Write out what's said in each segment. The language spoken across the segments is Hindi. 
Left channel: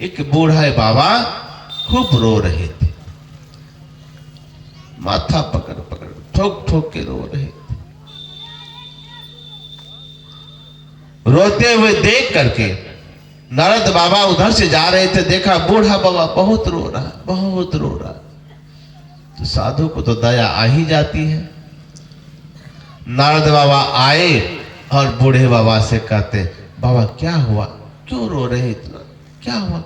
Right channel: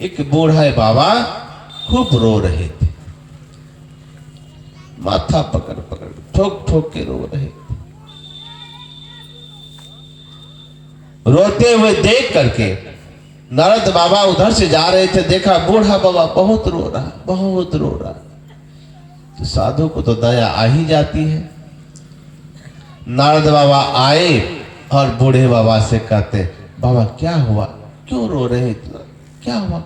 एक बूढ़ा बाबा खूब रो रहे थे, माथा पकड़ पकड़ ठोक ठोक के रो रहे थे। रोते हुए देख करके नारद बाबा उधर से जा रहे थे, देखा बूढ़ा बाबा बहुत रो रहा, बहुत रो रहा। तो साधु को तो दया आ ही जाती है। नारद बाबा आए और बूढ़े बाबा से कहते, बाबा क्या हुआ, क्यों रो रहे इतना, क्या हुआ,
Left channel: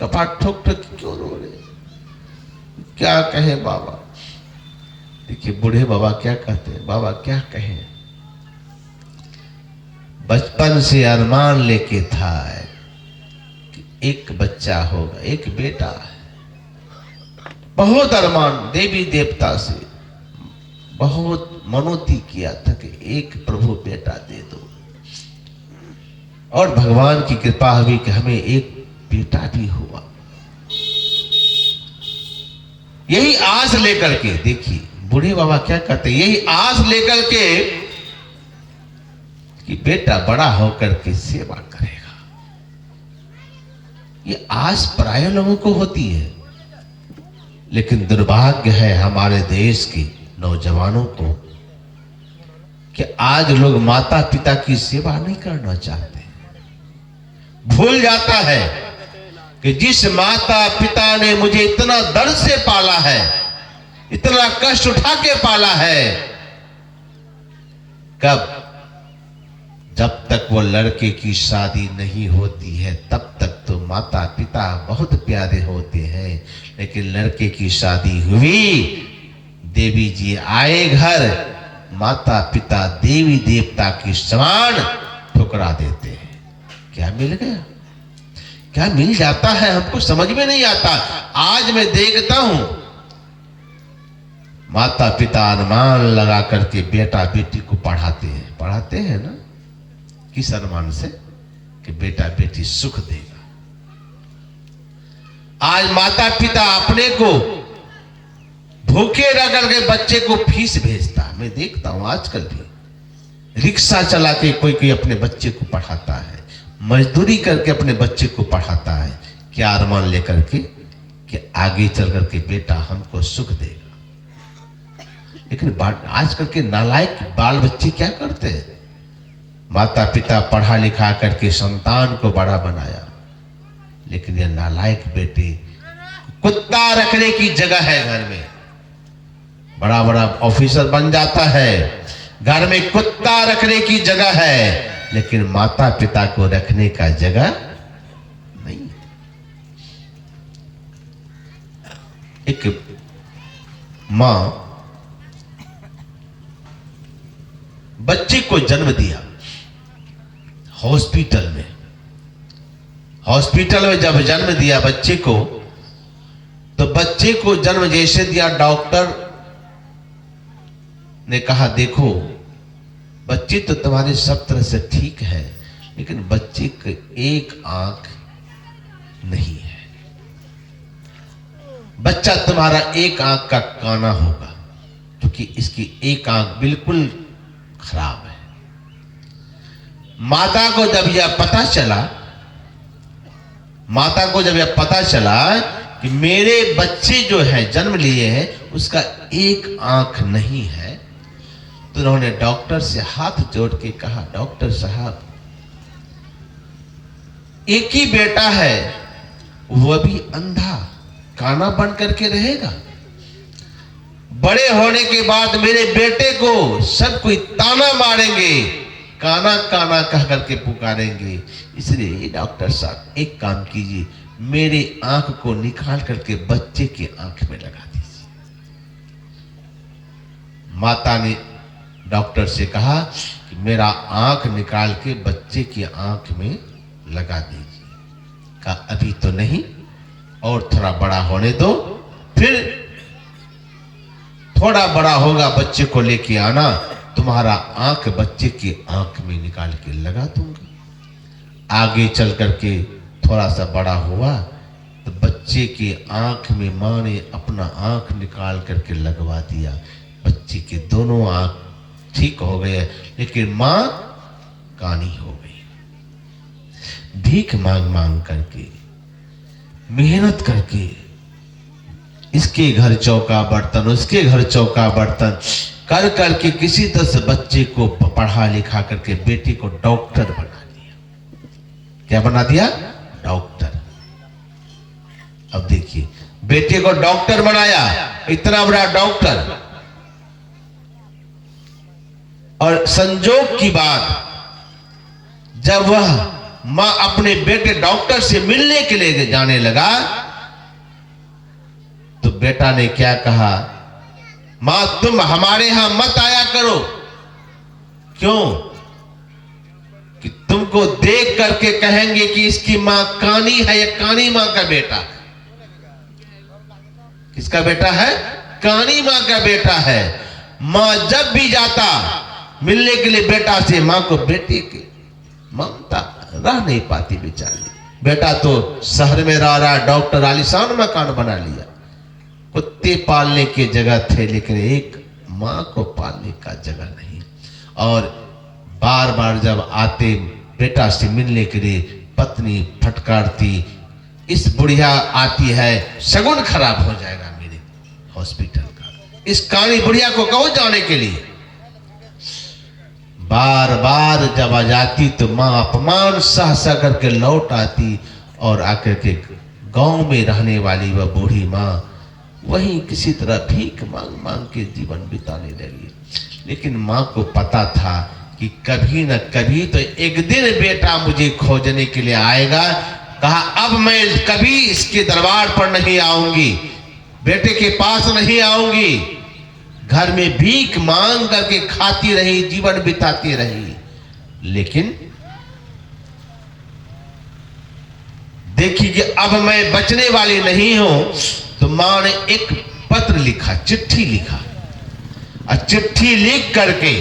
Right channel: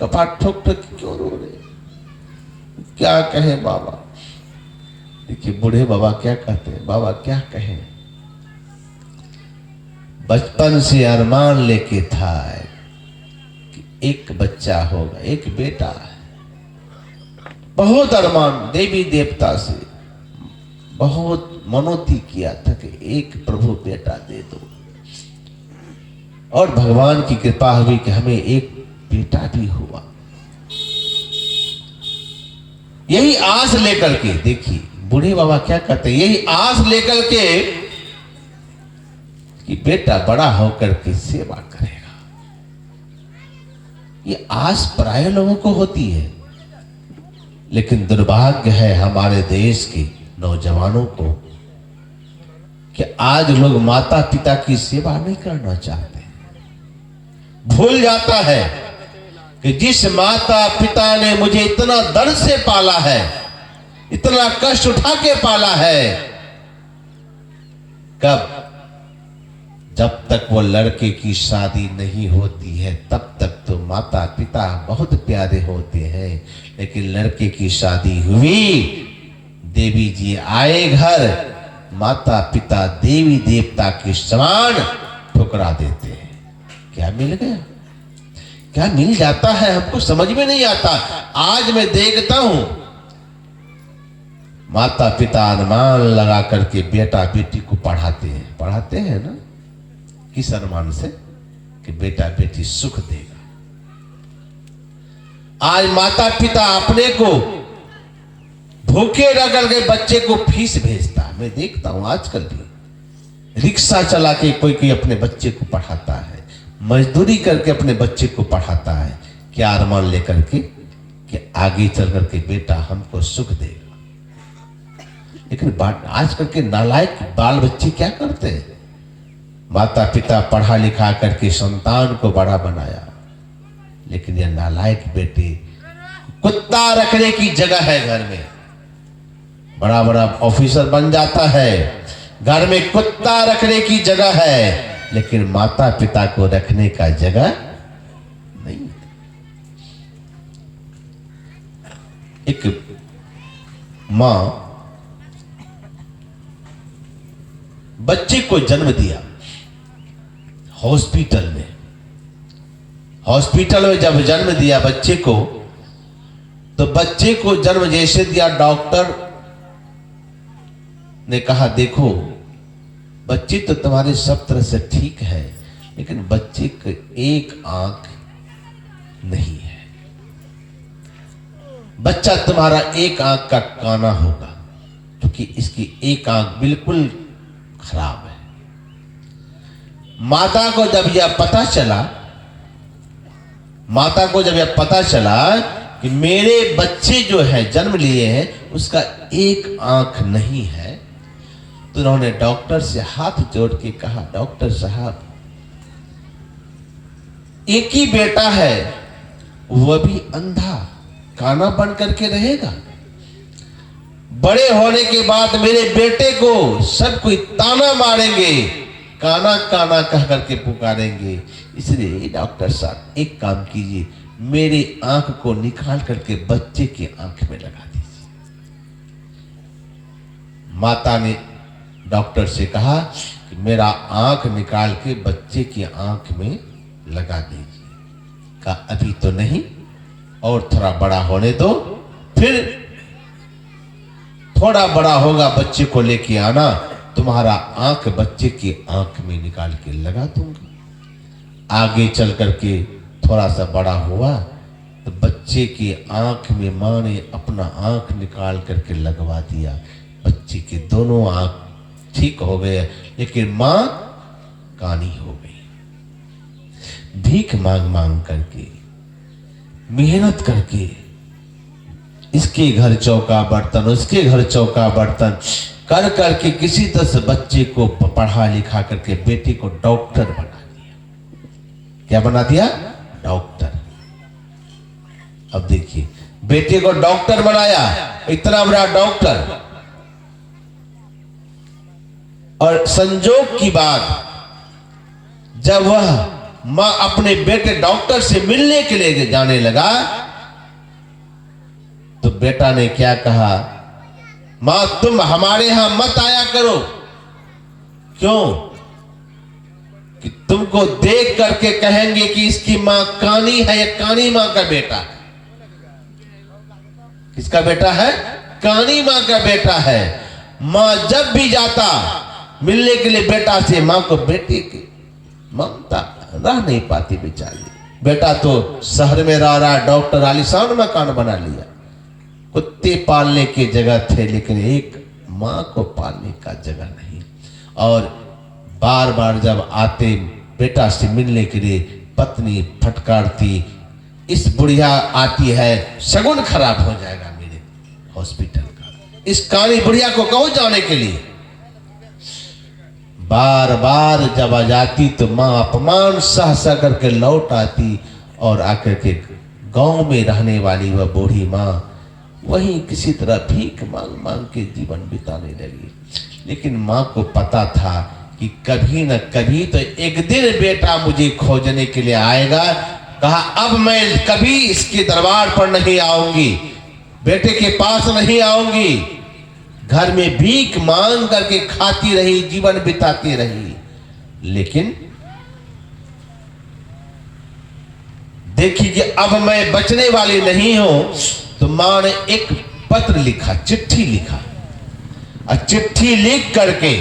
कपाट ठोक ठोक क्यों रो रहे, क्या कहे बाबा। देखिए बूढ़े बाबा क्या कहते हैं, बाबा क्या कहे, बचपन से अरमान लेके था कि एक बच्चा होगा, एक बेटा है, बहुत अरमान देवी देवता से बहुत मनोती किया था कि एक प्रभु बेटा दे दो, और भगवान की कृपा हुई कि हमें एक बेटा भी हुआ। यही आस लेकर के, देखिए बूढ़े बाबा क्या कहते हैं, यही आस लेकर के कि बेटा बड़ा होकर के सेवा करेगा। ये आस प्राय लोगों को होती है, लेकिन दुर्भाग्य है हमारे देश के नौजवानों को कि आज लोग माता पिता की सेवा नहीं करना चाहते। भूल जाता है कि जिस माता पिता ने मुझे इतना दर्द से पाला है, इतना कष्ट उठा के पाला है, कब, जब तक वो लड़के की शादी नहीं होती है तब तक तो माता पिता बहुत प्यारे होते हैं, लेकिन लड़के की शादी हुई, देवी जी आए घर, माता पिता देवी देवता के समान ठुकरा देते हैं। क्या मिल गया, क्या मिल जाता है, हमको समझ में नहीं आता। आज मैं देखता हूं माता पिता अनुमान लगा करके बेटा बेटी को पढ़ाते हैं ना, किस अनुमान से कि बेटा बेटी सुख देगा। आज माता पिता अपने को भूखे रह करके बच्चे को फीस भेजता है। मैं देखता हूं आजकल भी रिक्शा चला के कोई अपने बच्चे को पढ़ाता है, मजदूरी करके अपने बच्चे को पढ़ाता है, क्या अरमान लेकर के कि आगे चल करके बेटा हमको सुख देगा। लेकिन आजकल के नालायक बाल बच्चे क्या करते हैं, माता पिता पढ़ा लिखा करके संतान को बड़ा बनाया, लेकिन यह नालायक बेटे कुत्ता रखने की जगह है घर में, बड़ा बड़ा ऑफिसर बन जाता है, घर में कुत्ता रखने की जगह है, लेकिन माता पिता को रखने का जगह नहीं। एक मां बच्चे को जन्म दिया हॉस्पिटल में जब जन्म दिया बच्चे को, तो बच्चे को जन्म जैसे दिया, डॉक्टर ने कहा देखो बच्चे तो तुम्हारे सब तरह से ठीक है, लेकिन बच्चे की एक आंख नहीं है, बच्चा तुम्हारा एक आंख का काना होगा, क्योंकि इसकी एक आंख बिल्कुल खराब है। माता को जब यह पता चला कि मेरे बच्चे जो है जन्म लिए हैं उसका एक आंख नहीं है, तो उन्होंने डॉक्टर से हाथ जोड़ के कहा, डॉक्टर साहब एक ही बेटा है, वह भी अंधा काना बन करके रहेगा, बड़े होने के बाद मेरे बेटे को सब कोई ताना मारेंगे, काना काना कह करके पुकारेंगे, इसलिए डॉक्टर साहब एक काम कीजिए, मेरी आंख को निकाल करके बच्चे की आंख में लगा दीजिए। माता ने डॉक्टर से कहा कि मेरा आंख निकाल के बच्चे की आंख में लगा दीजिए। कहा अभी तो नहीं, और थोड़ा बड़ा होने दो, फिर थोड़ा बड़ा होगा बच्चे को लेके आना, तुम्हारा आंख बच्चे की आंख में निकाल के लगा दूंगा। आगे चल करके थोड़ा सा बड़ा हुआ तो बच्चे की आंख में मां ने अपना आंख निकाल करके लगवा दिया, बच्चे के दोनों आंख ठीक हो गए, लेकिन मां कानी हो गई। भीख मांग मांग करके मेहनत करके इसके घर चौका बर्तन, उसके घर चौका बर्तन कर करके किसी तरह से बच्चे को पढ़ा लिखा करके बेटे को डॉक्टर बना दिया। क्या बना दिया? डॉक्टर। अब देखिए, बेटे को डॉक्टर बनाया, इतना बड़ा डॉक्टर। और संजोग की बात, जब वह मां अपने बेटे डॉक्टर से मिलने के लिए जाने लगा तो बेटा ने क्या कहा, मां तुम हमारे यहां मत आया करो। क्यों? कि तुमको देख करके कहेंगे कि इसकी मां कानी है, या कानी मां का बेटा है। किसका बेटा है? कानी मां का बेटा है। मां जब भी जाता मिलने के लिए बेटा से, मां को बेटे की ममता रह नहीं पाती बेचारी। बेटा तो शहर में रह रहा, डॉक्टर आलीशान मकान बना लिया। कुत्ते पालने की जगह थे, लेकिन एक मां को पालने का जगह नहीं। और बार बार जब आते बेटा से मिलने के लिए, पत्नी फटकारती, इस बुढ़िया आती है, शगुन खराब हो जाएगा मेरे हॉस्पिटल का, इस काली बुढ़िया को कहो जाने के लिए। बार बार जब आ जाती तो मां अपमान सह सह करके लौट आती, और आकर के गांव में रहने वाली वह बूढ़ी मां वहीं किसी तरह भीख मांग मांग के जीवन बिताने लगी। लेकिन मां को पता था कि कभी न कभी तो एक दिन बेटा मुझे खोजने के लिए आएगा। कहा अब मैं कभी इसके दरबार पर नहीं आऊंगी, बेटे के पास नहीं आऊंगी। घर में भीख मांग करके खाती रही, जीवन बिताती रही। लेकिन देखी कि अब मैं बचने वाली नहीं हूं, तो मां ने एक पत्र लिखा, चिट्ठी लिखा। और चिट्ठी लिख करके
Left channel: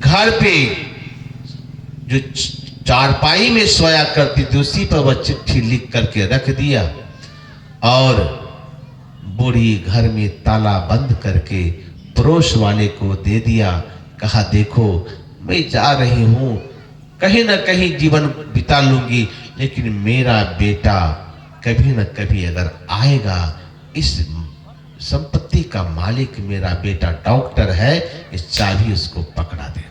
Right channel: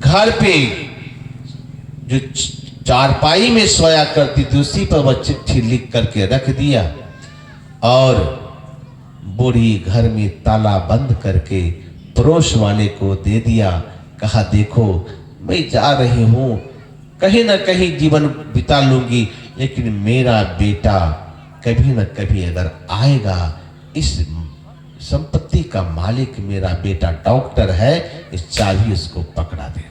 घर पे जो चारपाई में सोया करती थी उसी पर वह चिट्ठी लिख करके रख दिया, और बूढ़ी घर में ताला बंद करके पड़ोस वाले को दे दिया। कहा देखो मैं जा रही हूं, कहीं ना कहीं जीवन बिता लूंगी, लेकिन मेरा बेटा कभी ना कभी अगर आएगा, इस संपत्ति का मालिक मेरा बेटा डॉक्टर है, इस चाबी उसको पकड़ा दे।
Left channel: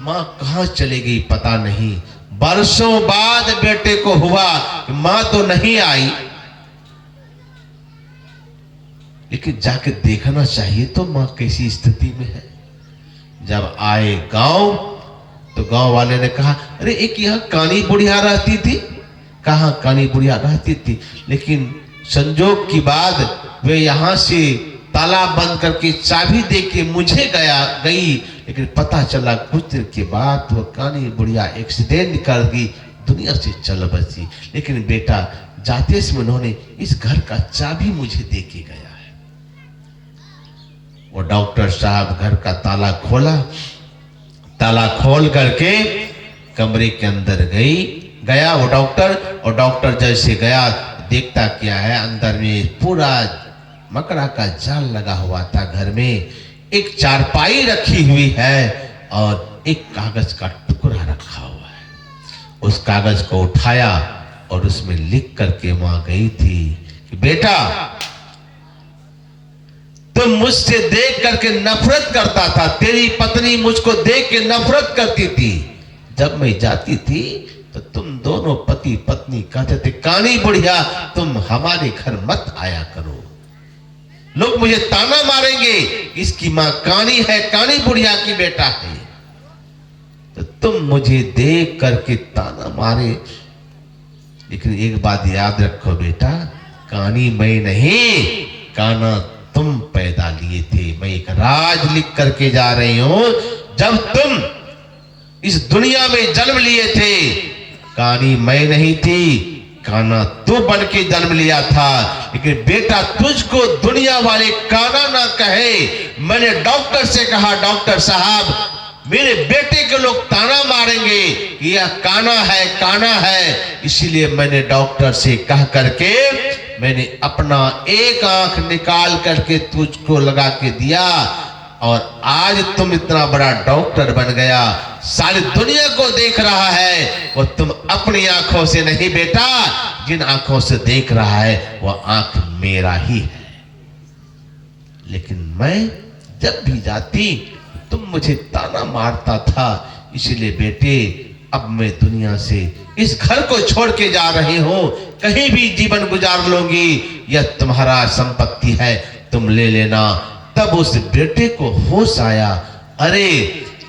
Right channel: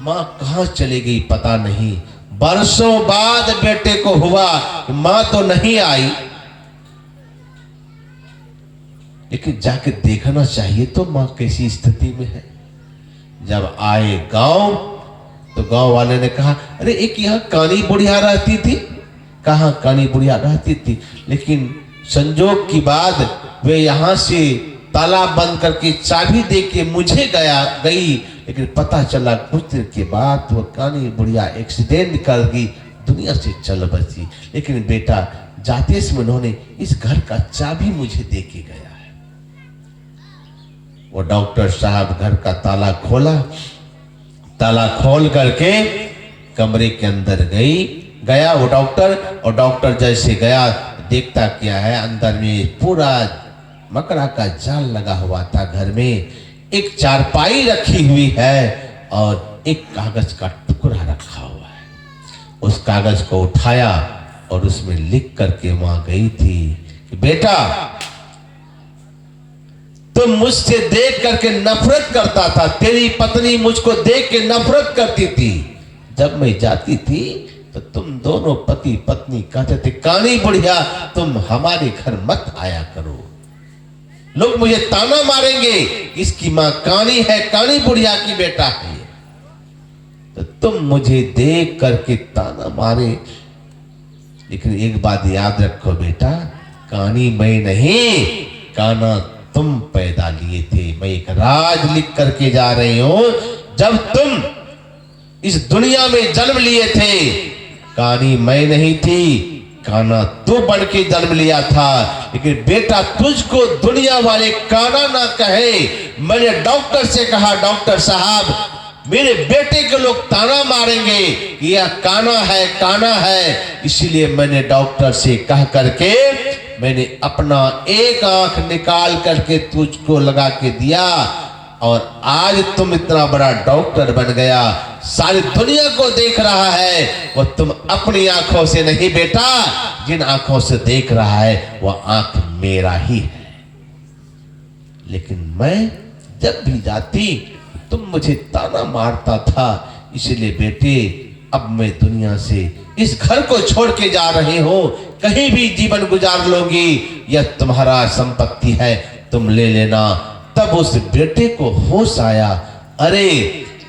मां कहां चली गई पता नहीं। बरसों बाद बेटे को हुआ, मां तो नहीं आई, लेकिन जाके देखना चाहिए तो मां कैसी स्थिति में है। जब आए गांव तो गांव वाले ने कहा अरे एक यहां कानी बुढ़िया रहती थी। कहां कानी बुढ़िया रहती थी, लेकिन संजोग की बात वे यहां से ताला बंद करके चाबी दे के मुझे गई, लेकिन पता चला कुछ देर के बाद वो कानी बुढ़िया एक्सीडेंट कर गई, दुनिया से चल बसी। लेकिन बेटा जाते समय उन्होंने इस घर का चाबी मुझे दे के गया है। वो डॉक्टर साहब घर का ताला खोला, ताला खोल करके कमरे के अंदर गया वो डॉक्टर, और डॉक्टर जैसे गया देखता क्या है, अंदर में पूरा मकड़ा का जाल लगा हुआ था। घर में एक चारपाई रखी हुई है और एक कागज का टुकड़ा रखा हुआ है। उस कागज को उठाया और उसमें लिख करके मां गई थी कि बेटा तुम मुझसे देख करके नफरत करता था, तेरी पत्नी मुझको देख के नफरत करती थी। जब मैं जाती थी तो तुम दोनों पति पत्नी कहते थे कानी बुढ़िया तुम हमारे घर मत आया करो, लोग मुझे ताना मारेंगे, इसकी मां कानी है, कानी बुढ़िया की बेटा है। तो तुम मुझे देख करके ताना मारे। लेकिन एक बात याद रखो बेटा, कानी मैं नहीं, काना तुम पैदा लिए थे। मैं एक राज लिख करके जा रही हूं, जब तुम इस दुनिया में जन्म लिए थे कानी मैं नहीं थी, काना तू बन के जन्म लिया था। लेकिन बेटा तुझको दुनिया वाले काना ना कहे। मैंने डॉक्टर से कहा डॉक्टर साहब मेरे बेटे के लोग ताना मारेंगे, यह काना है, काना है। इसीलिए मैंने डॉक्टर से कह करके मैंने अपना एक आंख निकाल करके तुझको लगा के दिया। और आज तुम इतना बड़ा डॉक्टर बन गया, सारी दुनिया को देख रहा है, और तुम अपनी आंखों से नहीं बेटा, जिन आंखों से देख रहा है वो आंख मेरा ही है। लेकिन मैं जब भी जाती तुम मुझे ताना मारता था, इसलिए बेटे अब मैं दुनिया से इस घर को छोड़ के जा रही हूं, कहीं भी जीवन गुजार लूंगी, यह तुम्हारा संपत्ति है, तुम ले लेना। तब उस बेटे को होश आया, अरे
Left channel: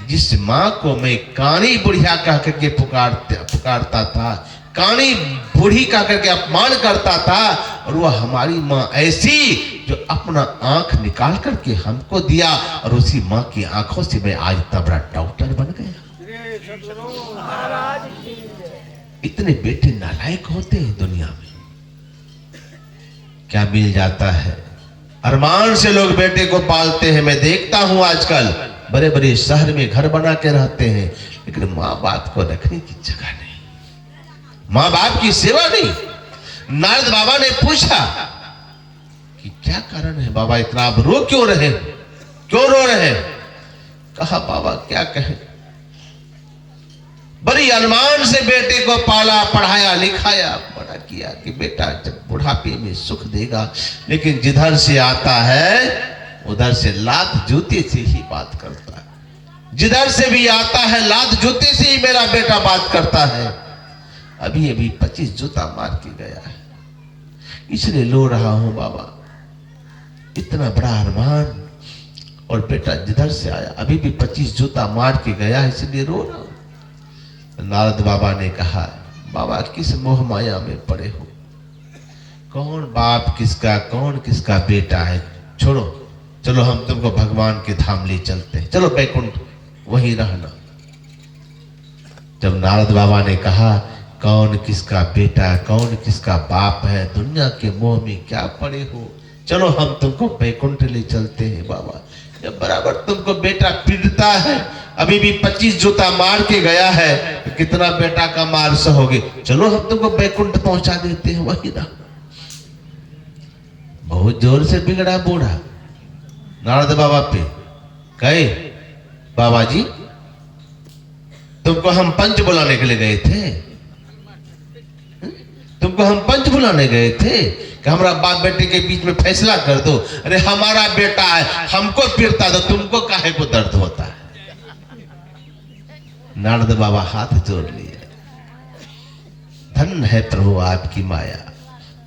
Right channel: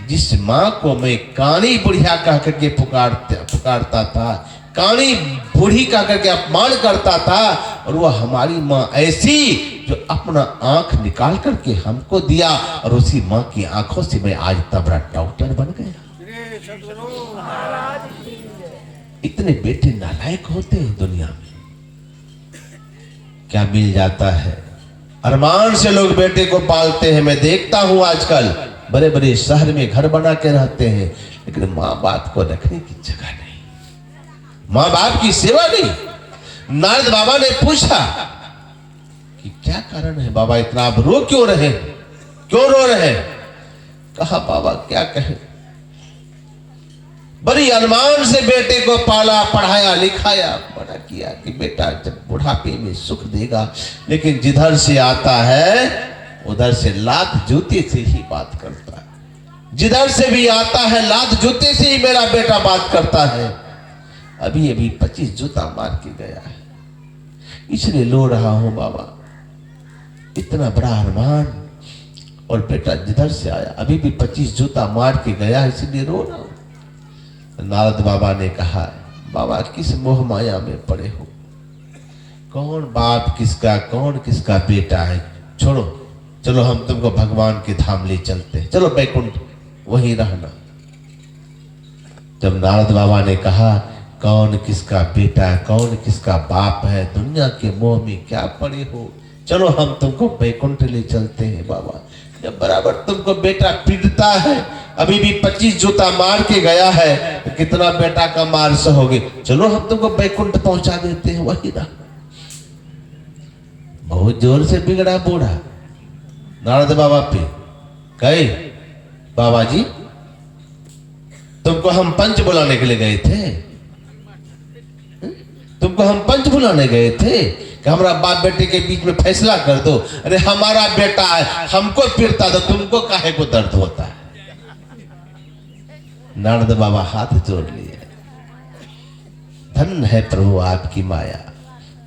जिस माँ को मैं कानी बुढ़िया कह करके पुकारता था, कानी बूढ़ी कह करके अपमान करता था, और वह हमारी माँ ऐसी जो अपना आंख निकाल करके हमको दिया, और उसी माँ की आंखों से मैं आज इतना बड़ा डॉक्टर बन गया। इतने बेटे नालायक होते हैं दुनिया में, क्या मिल जाता है। अरमान से लोग बेटे को पालते हैं, मैं देखता हूं आजकल बड़े बड़े शहर में घर बना के रहते हैं, लेकिन माँ बाप को रखने की जगह नहीं, माँ बाप की सेवा नहीं। नारद बाबा ने पूछा कि क्या कारण है बाबा, इतना आप रो क्यों रहे, क्यों रो रहे? कहा बाबा क्या कहें, बड़ी अरमान से बेटे को पाला, पढ़ाया, लिखाया, बड़ा किया कि बेटा जब बुढ़ापे में सुख देगा, लेकिन जिधर से आता है उधर से लात जूते से ही बात करता है, जिधर से भी आता है लात जूते से ही मेरा बेटा बात करता है। अभी अभी 25 जूता मार के गया है, इसलिए रो रहा हूं बाबा, इतना बड़ा अरमान, और बेटा जिधर से आया अभी भी 25 जूता मार के गया, इसलिए रो रहा हूं। नारद बाबा ने कहा, बाबा किस मोह माया में पड़े हो, कौन बाप किसका, कौन किसका बेटा है, छोड़ो, चलो हम तुमको भगवान के धाम ले चलते हैं, चलो बैकुंठ वहीं रहना। जब नारद बाबा ने कहा कौन किसका बेटा, कौन किसका बाप है, दुनिया के मोह में क्या पड़े हो, चलो हम तुमको बैकुंठ ले चलते हैं बाबा। जब बराबर तुमको बेटा पीड़ता है, अभी भी 25 जूता मार के गया है, तो कितना बेटा का मार सहोगे, चलो हम तुमको बैकुंठ पहुंचा देते हैं, वही ना। बहुत जोर से बिगड़ा बूढ़ा नारद बाबा पे, कहे बाबा जी तुमको हम पंच बुलाने के लिए गए थे, तुमको हम पंच बुलाने गए थे कि हमारा बाप बेटे के बीच में फैसला कर दो। अरे हमारा बेटा है, हमको पीड़ता तो तुमको काहे को दर्द होता है। नारद बाबा हाथ जोड़ लिए, धन है प्रभु आपकी माया,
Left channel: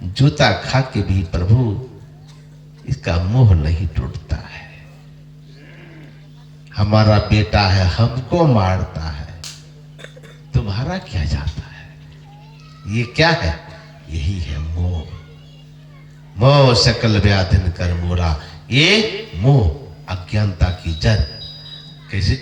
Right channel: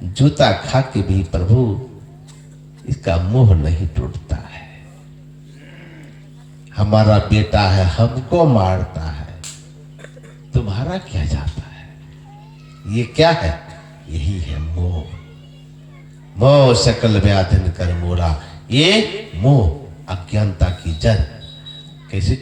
जूता खा के भी प्रभु इसका मोह नहीं टूटता है। हमारा बेटा है, हमको मारता है, तुम्हारा क्या जाता है। ये क्या है, यही है मोह। मोह सकल व्याधिन कर मोरा, ये मोह अज्ञानता की जड़। कैसे